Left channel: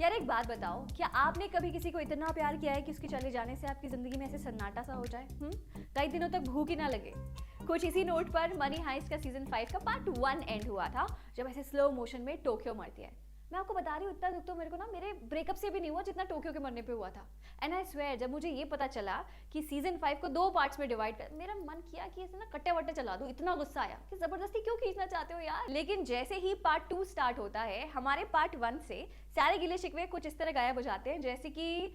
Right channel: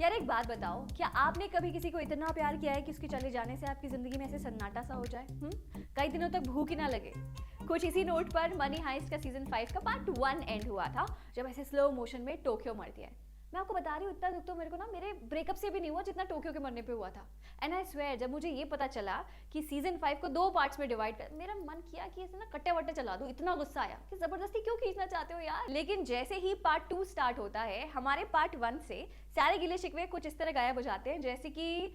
यार एक बात बताओ, क्या आपने कभी किसी को इतना प्यार किया है कि उसके चले जाने से आपकी जिंदगी में ऐसे सन्नाटा सा हो जाए? कई दिनों तक भूख ही ना लगे। कुछ इसी नोट पर मनी हाइस्ट का सीजन 5 का पार्ट 1 एंड हुआ था, जब ऐसे स्लो मोशन में टोक्यो मरती है। मैं आपको बता रही हूँ, इतना दुख तो मेरे को ना मेरे ब्रेकअप से भी नहीं हुआ जितना टोक्यो के मरने पे हुआ था। एंड आई स्वेयर, जब मुझे ये पता चला कि सीजन 5 को 2 पार्ट्स में डिवाइड कर, मेरा मन किया कि इसे ना कट्टे वट्टे चला दूं। इतना गुस्सा आया कि जबरदस्ती क्यों खींचना चाहते हो यार। लेकिन जैसे ही पार्ट 2 स्टार्ट होता है, हमारे पार्ट 1 से सारे गिले शिकवे कुछ इस तरह गायब हो जाते हैं, जैसे कि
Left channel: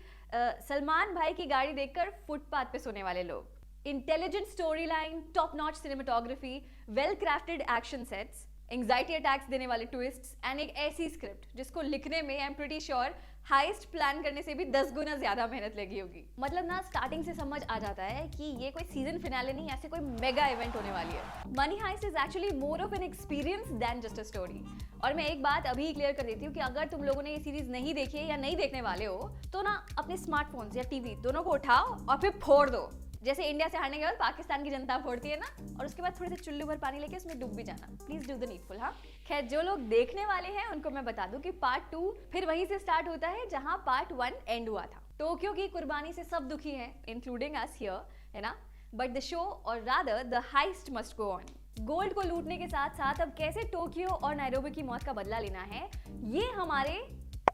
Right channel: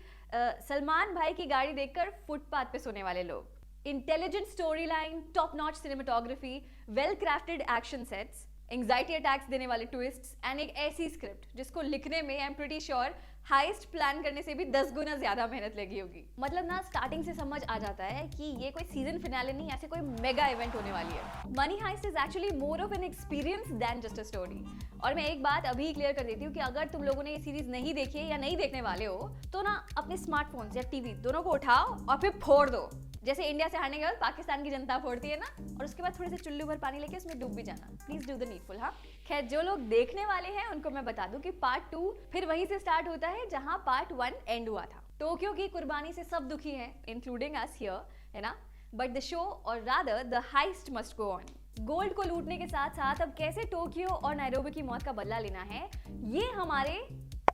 सलमान भाई की गाड़ी देखकर फुटपाथ पे सोने वाले लोग। Intelligent story line, top notch cinematography, well crafted action sets, anxiety attacks देने वाले ट्विस्ट्स एंड एक ऐसी स्क्रिप्ट जिसको लिखने में I am pretty sure heist plan करने से भी 10 गुना ज्यादा मेहनत लगी होगी। मतलब ना स्टार्टिंग से समझ आ जाता है कि ये कोई सीजन फिनाले नहीं, ऐसे कोई मेगा इवेंट होने वाली है। Money heist is actually more of an experience than just a story. और मैं एक बात अभी क्लियर कर देती हूँ कि अगर तुम लोगों ने ये सीरीज नहीं देखी है या नहीं देखने वाले हो, तो ना अपने स्मार्टफोन या टीवी दोनों को उठाओ और फिर फोड़ दो, जैसे इंडिया से हारने के बाद पाकिस्तान की जनता फोड़ती है ना। और उसके बाद थोड़ी सी चुल्लू भर पानी लेके उसमें डूब भी जाना। Please do the needful. हाँ, खैर जो लोग देखने वाले हैं उनको मैं बता दूं कि पार्ट 2 फिर वहीं से स्टार्ट होता है जहां पार्ट 1 एंड हुआ था। टोक्यो की कुर्बानी से सब दुखी हैं, इंक्लूडिंग अस हियर, है ना। बट द शो और rather the highest must go on. Gold को लूटने के साथ साथ अब कैसे टोक्यो और नायरोबी की मौत का बदला लेना है, ये हमारे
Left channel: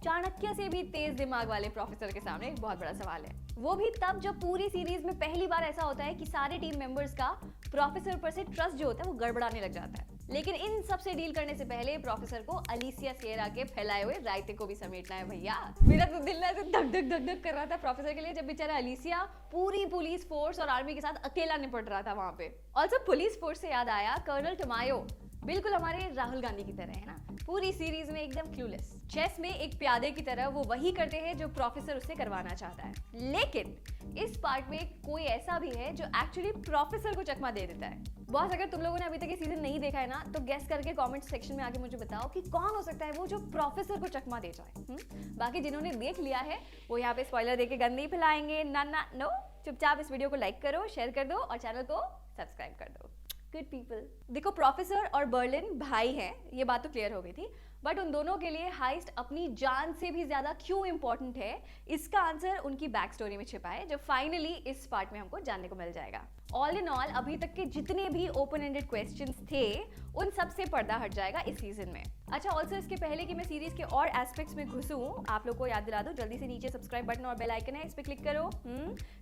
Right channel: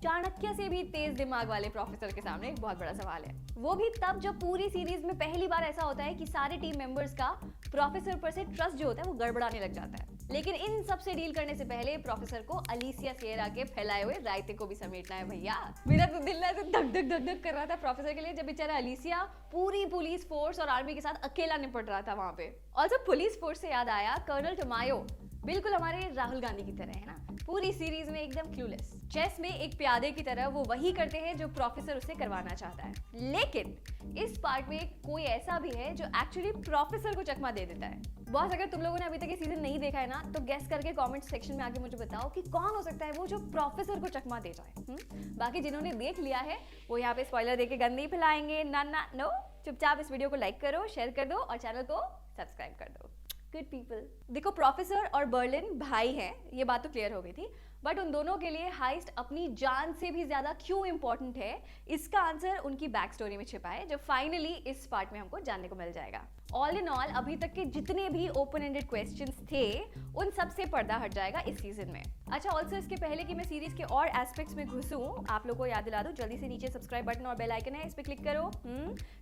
चाणक्य से भी तेज दिमाग वाले प्रोफेसर के सामने एक बहुत बड़ा सवाल है। वो भी तब जब पूरी सीरीज में पहली बार ऐसा होता है कि सारे टीम मेंबर्स का प्रोफेसर पर से ट्रस्ट जो होता है वो गड़बड़ाने लग जाता है। लेकिन इन सब से डील करने से पहले प्रोफेसर को अलीसिया सेड़ा के फैलाए हुए रायते को भी समेटना है भैया। मेरा तो दिल ना धक धक धक धक कर रहा था प्रोफेसर के लिए, जब बेचारा अलीसिया पूरी पुलिस फोर्स और आर्मी के साथ अकेला निपट रहा था वहां पे। ऑल्सो पुलिस फोर्स से याद आया, कर्नल टमायो बिल्कुल हमारे राहुल गांधी की तरह है ना, पूरी सीरीज में एकदम क्लूलेस। चेस में एक प्यादे की तरह वो वही करते हैं जो प्रोफेसर उसे करवाना चाहता है। लेकिन इस पार्ट में कोई ऐसा भी है जो एक्चुअली प्रोफेसर को चकमा दे देता है। बॉस, अगर तुम लोगों ने अभी तक ये सीजन नहीं देखा है ना, तो गेस करके कमेंट सेक्शन में आके मुझे बताओ कि कौन हो सकता है वो जो प्रोफेसर को चकमा दे जाए। बाकी जिन्होंने देख लिया है वो यहाँ पे स्पॉइलर देके गंदी फैलाएंगे। नो, चुपचाप इस वीडियो को लाइक करो, शेयर कर दो और चैनल को सब्सक्राइब कर दो। Good people. देखो, प्रोफेसर और बर्लिन भाई हैं, ये बात तो क्लियर हो गई थी। बट उन दोनों के लिए हाइस्ट अपनी जान से भी ज्यादा क्यों इंपॉर्टेंट है, इसका आंसर उनकी बैक स्टोरी में छिपा है, जो फाइनली इस पार्ट में हमको जानने को मिल जाएगा। ऑल इन ऑल अभी तक के जितने भी ओपन एंडेड क्वेश्चंस थे, उन सब से पर्दा हट जाएगा इस सीजन में। अच्छा, ऑल्सो इसके पहले कि मैं सीरीज के और एस्पेक्ट्स में घुसूं, आप लोगों को याद दिला दूं, जल्दी से नीचे सब्सक्राइब बटन और बेल आइकन है, इस पे क्लिक करो।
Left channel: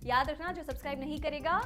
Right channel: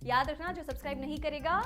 याद रखना, जो सब्सक्राइब नहीं करेगा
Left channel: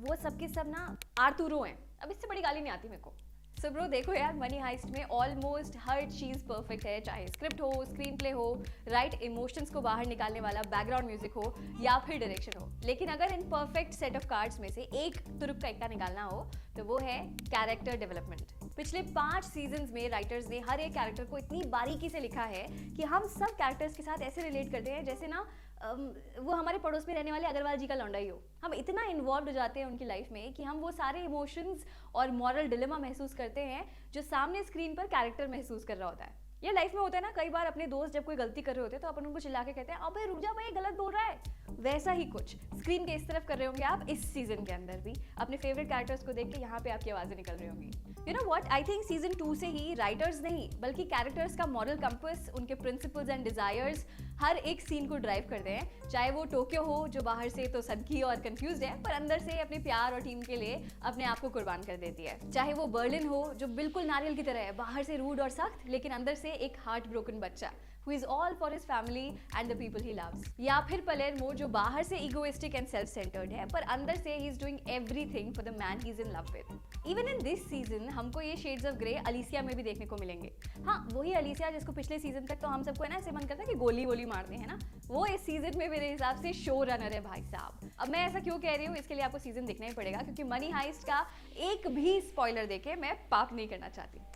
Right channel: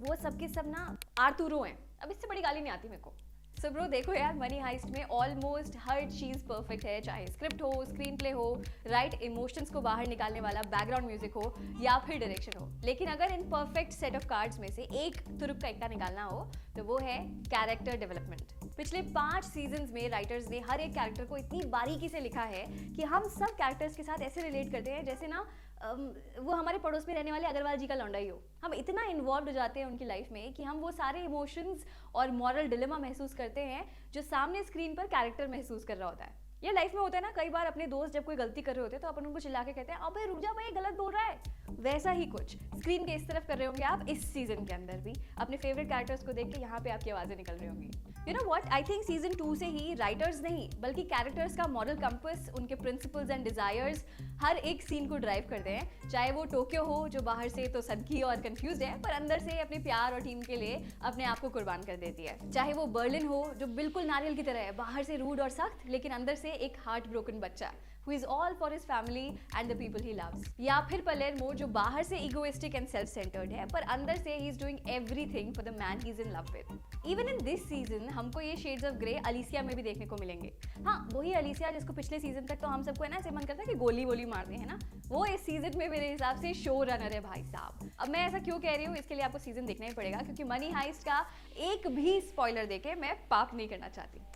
वो सबके सब ना आर्तुरो है। अब इससे बड़ी गाली नहीं आती मेरे को। सो ब्रो देखो यार, मनी हाइस्ट में ऑलमोस्ट हर चीज परफेक्ट है, चाहे स्क्रिप्ट हो, स्क्रीन प्ले हो, राइट इमोशंस को बाहर निकालने वाला बैकग्राउंड म्यूजिक हो या फिर डायरेक्शन हो। लेकिन अगर in perfect set of cards में से एक तुरुप का इक्का निकालना हो तो वो है कैरेक्टर डेवलपमेंट। पिछले 5 सीजन्स में राइटर्स ने हर एक कैरेक्टर को इतनी बारीकी से लिखा है कि हम सब कैरेक्टर्स के साथ ऐसे रिलेट करते हैं जैसे ना वो हमारे पड़ोस में रहने वाले अग्रवाल जी का लौंडा ही हो। हम इतना इन्वॉल्व हो जाते हैं उनकी लाइफ में कि हम वो सारे इमोशंस और मॉरल डिलेमा महसूस करते हैं जो सामने स्क्रीन पर कैरेक्टर महसूस कर रहा होता है। ये लाइफ में होता है ना, कई बार अपने दोस्त जब कोई गलती कर रहे होते हैं तो अपन उनको चिल्ला के कहते हैं अबे रुक जा भाई, गलत बोल रहा है। वैसा ही कुछ स्क्रीन के इस तरफ कर रहे होंगे आप इस सीजन के अंदर भी, अपने फेवरेट कैरेक्टर्स को देख के यहाँ पे आपकी आवाजें निकल रही होंगी। You know what, I think season 2 से ही राइटर्स नहीं बल्कि कैरेक्टर्स का मॉरल कंपास, उनके प्रिंसिपल्स एंड डिजायर्स हर एक सीन को ड्राइव करते हैं। चाहे वो टोक्यो हो जो बाहर से तो सनकी और कंफ्यूज है पर अंदर से अपने प्यार और टीम के लिए अपने आप को कुर्बान कर देती है। चाहे वो बर्लिन हो जो बिल्कुल नारियल की तरह है, बाहर से रूड और सख्त लेकिन अंदर से एक हार्ट ब्रोकन बच्चा who is all for his family and the people he loves। या फिर पलेर्मो जो बाहर से egoistic and self-centered है पर अंदर से he is doing everything for the man he is in love with। Even in this season हमको ये shades of grey अलीसिया में भी देखने को मिलेंगे। हाँ, वही अलीसिया जिसको पिछले सीजन तक तो हम सबको है ना ऐसे मन करता है कि गोली गोली मार दे, है ना, वो इस सीजन में मेरे हिसाब से शो रनर है भाई साहब। अब मैं ऐसा क्यों कह रही हूँ, इसके लिए आपको सीजन देखना ही पड़ेगा, क्योंकि मनी हाइस्ट का एक भी स्पॉइलर देके मैं पाप नहीं करना चाहती।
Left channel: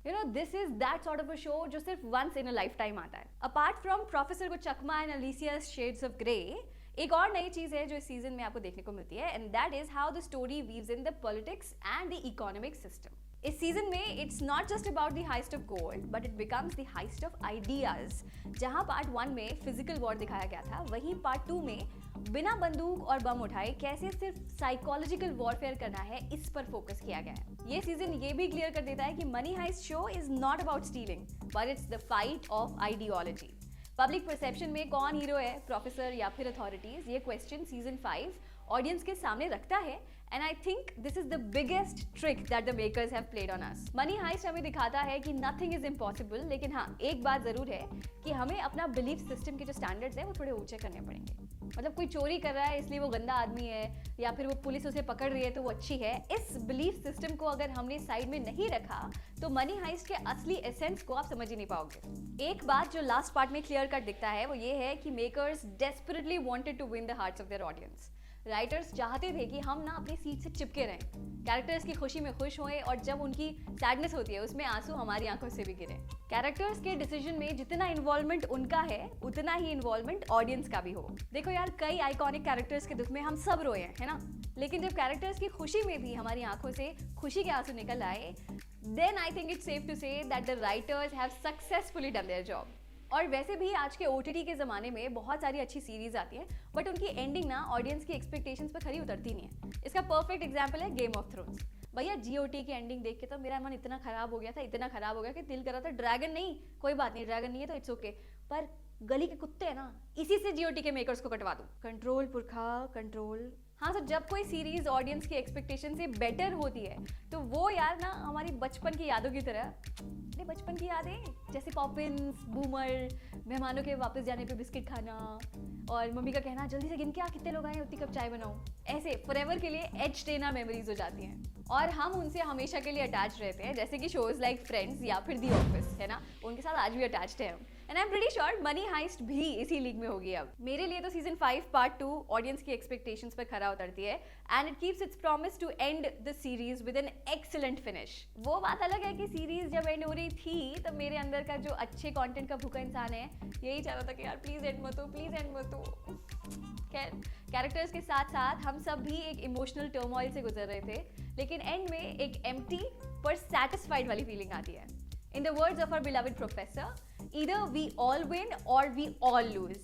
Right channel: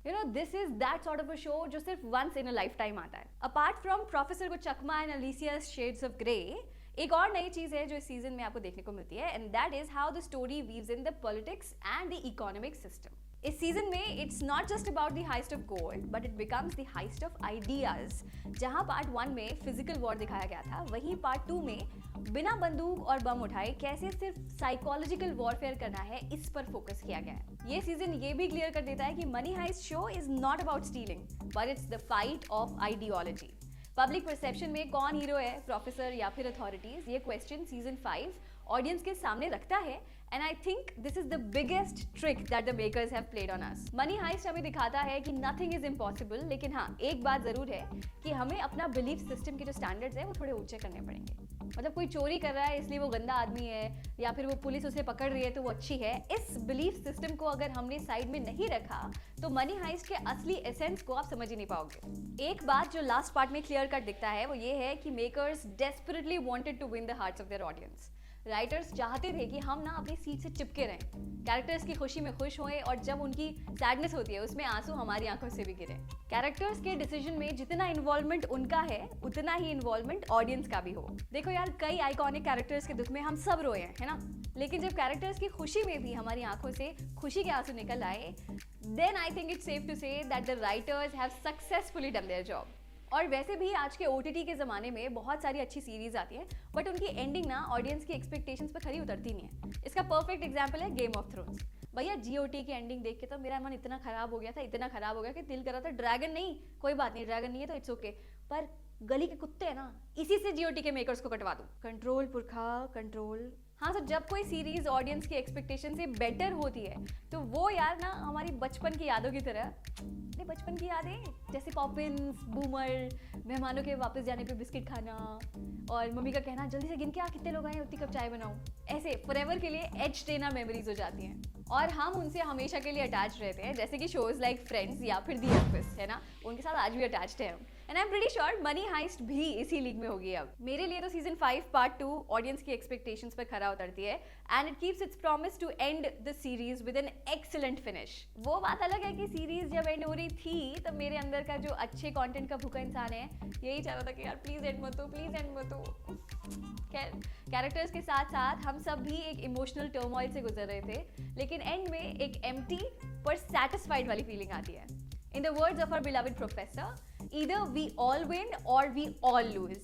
You know, this is that sort of a show जो सिर्फ once in a lifetime आता है। Apart from प्रोफेसर को चकमा and Alicia's shades of grey, एक और नई चीज है जो इस सीजन में आपको देखने को मिलती है, and that is how the story weaves in the politics and the economic system। इस सीजन में it's not just about the highest of gold but it becomes the highest of ideas. जहां part 1 में physical war दिखाया गया था, वहीं part 2 में बिना बंदूक और बम उठाए कैसे सिर्फ साइकोलॉजिकल वॉरफेयर करना है, इस पर फोकस किया गया है। ये सीजन ये भी क्लियर कर देता है कि money heist show is not about stealing but it's the fight of ideology. Public perception में कौन हीरो है, प्रोफेसर या फिर अथॉरिटीज, ये क्वेश्चन सीजन 5 ऑडियंस के सामने रखता है। And I think this is the biggest trick that the makers have played on us. Money Heist हमें दिखाता है कि nothing is impossible, लेकिन हाँ एक बात जरूर है कि हमें अपना बिलीफ सिस्टम के जो स्टैंडर्ड्स हैं वो थोड़े ऊंचे करने पड़ेंगे। मतलब कोई चोरी कर रहा है इसलिए वो गंदा आदमी है, या फिर वो पुलिस उसे पकड़ रही है तो वो अच्छी है, इस बिलीफ सिस्टम को अगर हमने साइड में नहीं रखा तो मनी हाइस्ट के असली एसेंस को आप समझ ही नहीं पाओगे। एक बात जो लास्ट पार्ट में क्लियर कट दिखता है वो ये है कि makers desperately wanted to win the hearts of their audience. Writers चाहते थे कि हम ना अपनी सीट से चिपके रहें, कैरेक्टर्स की खुशी में खुश होए और जब उनकी सैडनेस होती है उसमें आंसू हमारी आंखों से भी गिरे। कैरेक्टर्स के डिसीजन में जितना इन्वॉल्वमेंट उनका है उतना ही इन्वॉल्वमेंट ऑडियंस का भी हो। देखो यार, कई आइकॉनिक कैरेक्टर्स के दुख में हम सब रोए हैं, है ना, लेकिन जब कैरेक्टर्स की खुशी में भी हमारी आंखों से खुशी के आंसू निकल आए, then I think it's safe to say that the writers have successfully done their job. और वैसे भी आज के OTT के ज़माने में बहुत सारी अच्छी सीरीज आती है बट उनकी एंडिंग ना ऑडियंस की एक्सपेक्टेशंस पे खरी उतरती नहीं है। इसका परफेक्ट एग्जांपल है गेम ऑफ थ्रोन्स। भैया GOT की एंडिंग देख के तो मेरा मन इतना खराब हो गया था, इतना खराब हो गया कि दिल कर रहा था ड्रैगन नहीं, कोई बात नहीं, ड्रैगन नहीं है तो इट्स ओके, पर गली के कुत्ते हैं ना, इसी से GOT के मेकर्स को कटवा दूं। कंट्रोल पुरखा कंट्रोल। हाँ, तो जब कोई सीरीज ऑडियंस की एक्सपेक्टेशन से बेटर होती है तो वो यार ना हमारी बचपन की यादों की तरह, बचपन की यादें जैसे पॉपिन्स, बूमर, मेहमानों के वापस जाने पे बिस्किट खाना और मम्मी का कहना जल्दी से गिन के कितने लोग आए उतनी कप चाय बनाओ, ऐसे फॉरएवर के लिए एच देना मेमोरीज हो जाती हैं और हम उनसे हमेशा के लिए अटैच रहते हैं, जैसे कि शोज लाइक फ्रेंड्स या फिर दी ऑफिस, है ना, उनके साथ आज भी अटैच्ड है हम। And I am pretty sure money heist भी इसी लीग में होगी अब। मेरे लिए तो सीजन 5 पार्ट 2 ऑडियंस की एक्सपेक्टेशंस पर खरा उतरती है and it keeps its promise to end the series with an excellent finish. वो बात अलग है कि सीरीज जब एंड हो रही थी तो मेरे अंदर का जो अच्छे कंटेंट का भूखा इंसान है यही चाह रहा था कि यार प्लीज एंड मत हो, प्लीज एंड मत हो। कैरेक्टर्स के साथ साथ हम सब भी एक इमोशनल टर्मोइल से गुजर रहे थे, लेकिन एंड में एक एम्प्टी पर सैटिस्फाइड वाली फीलिंग आती है। In the words of our beloved professor, either we all win or we all lose.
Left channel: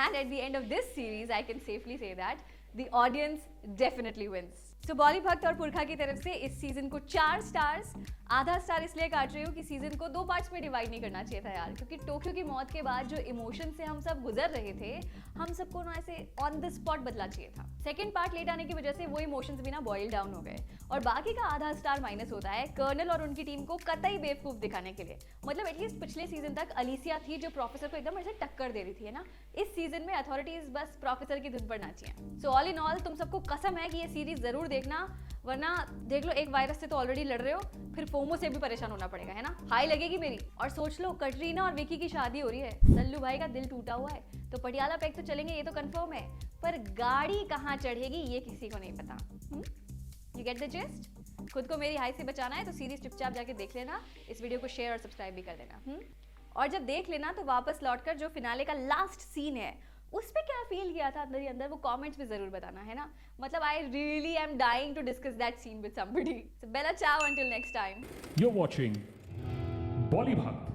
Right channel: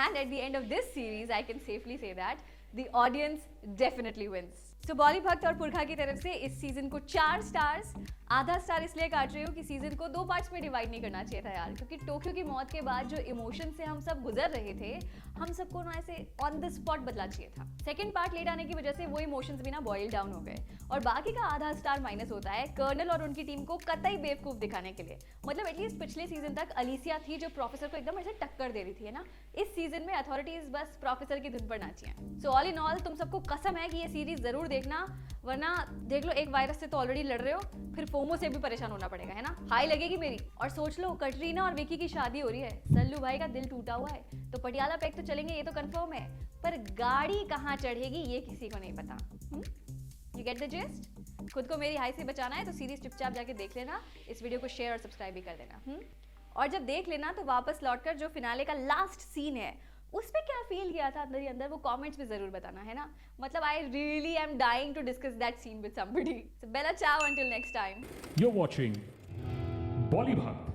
And at the end of this series, I can safely say that the audience definitely wins. So बॉली भक्त और पुरखा की तरफ से इस season को 4 stars, आधा star इसलिए काट रही हूँ कि सीजन को 2 पार्ट्स में डिवाइड नहीं करना चाहिए था यार, क्योंकि टोक्यो की मौत के बाद जो इमोशन से हम सब गुजर रहे थे, हम सबको ना ऐसे ऑन द स्पॉट बदला चाहिए था। सेकंड पार्ट लेट आने की वजह से वो इमोशंस भी ना बॉयल डाउन हो गए और बाकी का आधा स्टार माइनस होता है कर्नल और उनकी टीम को कतई बेवकूफ दिखाने के लिए। मतलब एटलीस्ट पिछले सीजन तक अलीसिया थी जो प्रोफेसर को एकदम ऐसे टक्कर दे रही थी, है ना, इस सीजन में अथॉरिटीज बस प्रोफेसर की धुन पर नाची हैं। सो ऑल इन ऑल तुम सबको कसम है कि ये सीरीज जरूर देखना, वरना देख लो एक वायरस से तो ऑलरेडी लड़ रहे हो, फिर फोमो से भी परेशान होना पड़ेगा, है ना, हाई लगेगी मेरी। और सोच लो कटरीना और विकी की शादी हो रही है, सल्लू भाई का दिल टूटा हुआ है, तो पटियाला प्लेक्स तो चलेंगे ये तो कंफर्म है, पर गाड़ी कहाँ चढ़ेगी ये किसी को नहीं पता। You get the gist? खुद को मेरी हाई से बचाना है तो सीरीज चुपचाप जाके देख लेना, इस वीडियो को शेयर और सब्सक्राइब भी कर देना। और जब देख लेना तो वापस लौटकर जो फिनाले का लास्ट सीन है उसमें क्या फील किया था मेरे अंदर वो कमेंट्स में जरूर बताना, है ना। मतलब I really am dying to discuss that scene with somebody. So bella ciao until next time. You're watching Bollywood.